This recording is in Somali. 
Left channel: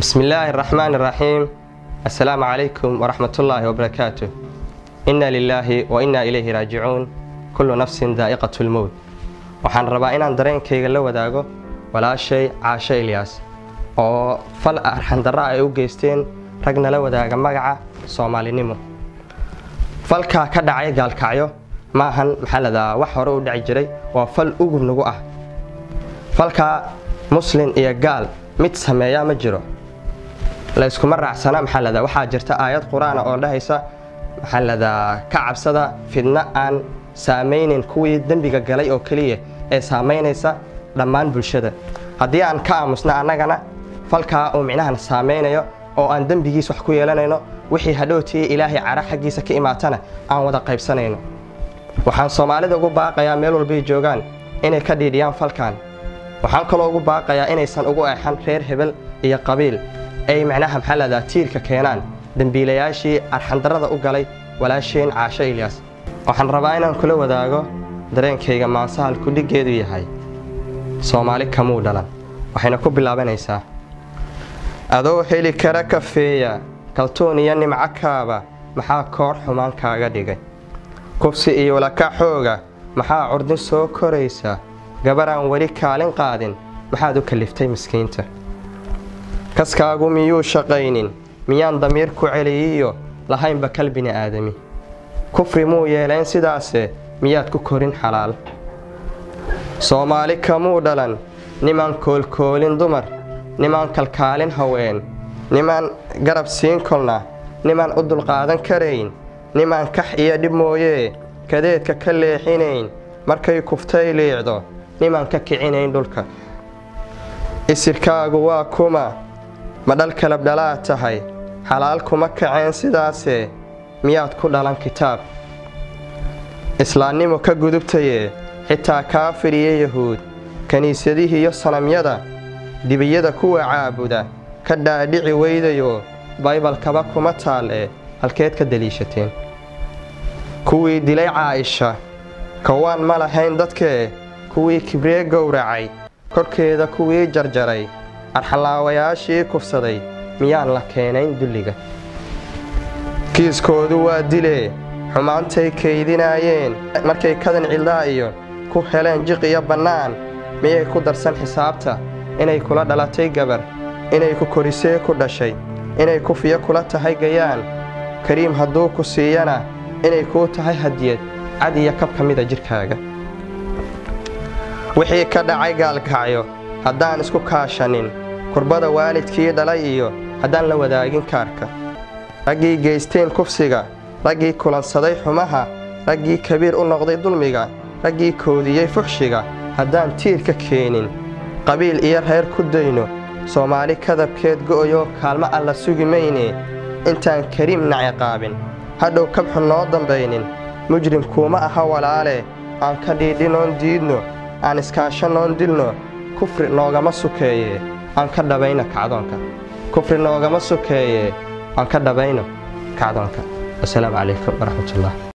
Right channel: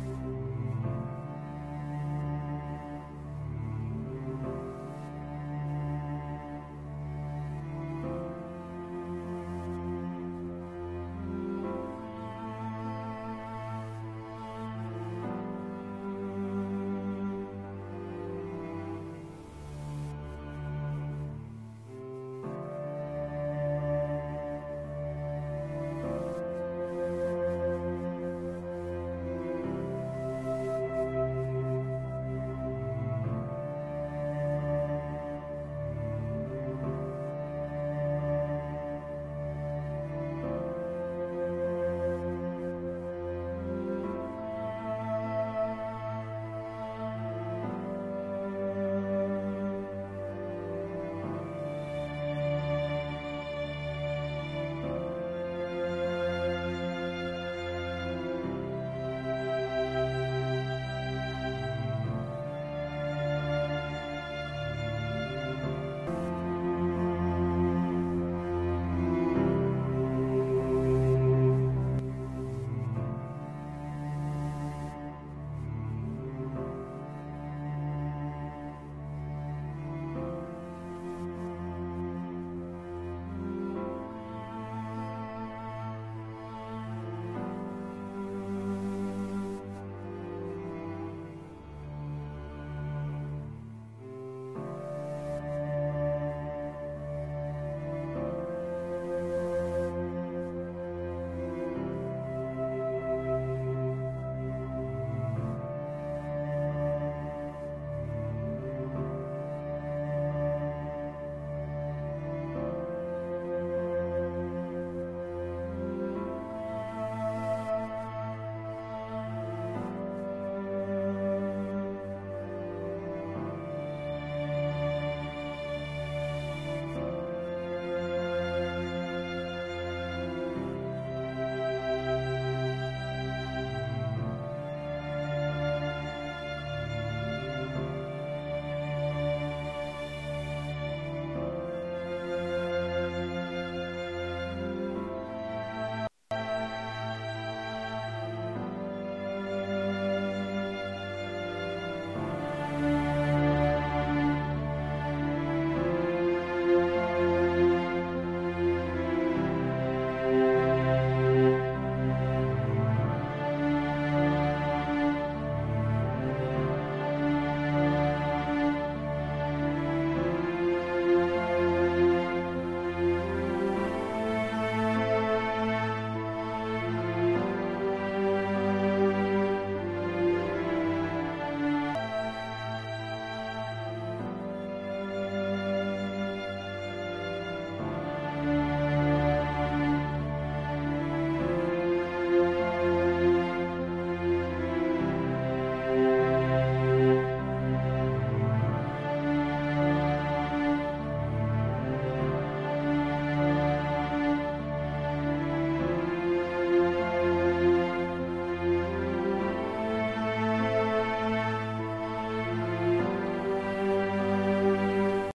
بسم الله الرحمن الرحيم. السلام عليكم ورحمة الله وبركاته. إنا لله وإنا إليه راجعون. كل نفس ذائقة الموت. waxaan rabaa inaan dareenkayga la wadaago walaashay Caasho Ilyas oo fal arxan darro ay u geysteen ragna la wadaaga magaca Soomaalinimo. falka ka dhacay gaalkacyo maahan maxalada wax hore u dhici jiray waa fal ugu nagu ah. falka muslim iyo gaal mid sameeya ma jiro la isku maraacsana maxalada waxa jirta aayad quraan oo dhahaysa maxalada ka cabsada fidna aan saameynin kuwii dambiga galay oo kaliya ee saameynaysa dhammaan bulshada. haddii aan ka aamusna annagana falka oo micnahan saameynayo oo aan dambigiis wax ku yeelanayno wixii hadhowtii ilaahay cara xaqiisa ka imaatana aan wada qaybsanayno. waxaan Soomaalida ugu baaqayaa meel walba ay joogaan inay ka dhiidhiyaan falkan. waxaan kaloo ugu baaqayaa inaysan ugu eexan reer hebel iyo qabiil ay macnaha maxalada tiirka keenaan dambiilayaashii arxan darrada u galay walaasheen Caasho Ilyas. waxaan rabaa inaan kula wadaago dareenkayga maasahan ku dhigeedu yahay Soomaali kamuu dhalan. waxayna ku bilaabanaysaa adoo heli kara kafeeya kaltoon iyo nimco kaaba maxaa koor xumaan kaaga dhigay kufsi iyo laka xooga maxaa curdin soo koraysa gabaraan wali kaalin qaadin maxaad u kaliftay miskiinta kaskaagu miyuu shaqaynin miyaan damiir ku celiyo lahaynba kalbini aadami kufri muu yeelayn sidaase miyaad ku korin xalaal Soomaali kamuu dhalan niman koolkoolin dumar niman kalkaalin haween niman garab siin kolna niman u dulqaadan karayn niman kax iyo dhib mooyee kadeedka ka leexinayn markay kuftay leecdo niman ka kicinayn dhulka isirkaagu waa kuma ma dhal kala dhalaa tahay xalaal kuma kaceen sidaase miyaad ku dhalan kitaab islaamnimo ka gudubtayee xitaa kaafir iyo yahuud kaniisadihii iyo sanamyada dibiyada kuwa caabuda ka dhaadhici weydayo baybalkaba kuma taal ee halkeed ka daliishateen kuwii dilay Caaisha kawaan ma lahayn dadkee kuwii kibree gowracay korkeeda kuwii jarjaray arxalaawayaashii kufsaday miyaan la keenayn dulliga kiiskoodu waa dilee xumaantay kaydinaayeen markay kadan cildaa iyo ku heleen jiq iyo bannaan miyay ku darsan xisaabta inay kula dhalatay gabar inay ku korisee ku dhashay inay kufiya kula tahay gayaan kariim hadduu ku siiyana inay kuu tahay hadiyad cad iyo kab ka mida jirkaaga wixii ka dhacay gaalkacyo haddaan isku kaashanin kurbada waalidkii dhalay iyo haddaan la wadaagin kaarka raggii geysteen kufsiga raggii kulansaday xumaha raggii kabiir u noqday dulmiga raggii koodiyey fuxshiga haddaan tiirka keenin qabiil iyo reer ku dayno Soomaali kadabkeed go'yo kaalmo alla sugi mayne intaan kariim ciqaabin hadhow kabxu noo dambaynin mujrim kuma aha walaale aan ka dhiidhinoon diidno aan iskaashanoon dilno kufri noogama sukeeye aan ka dhabayna kacdoonka kufri noogama sukeeye aan ka dhabayna kacdoonka. السلام عليكم ورحمة الله.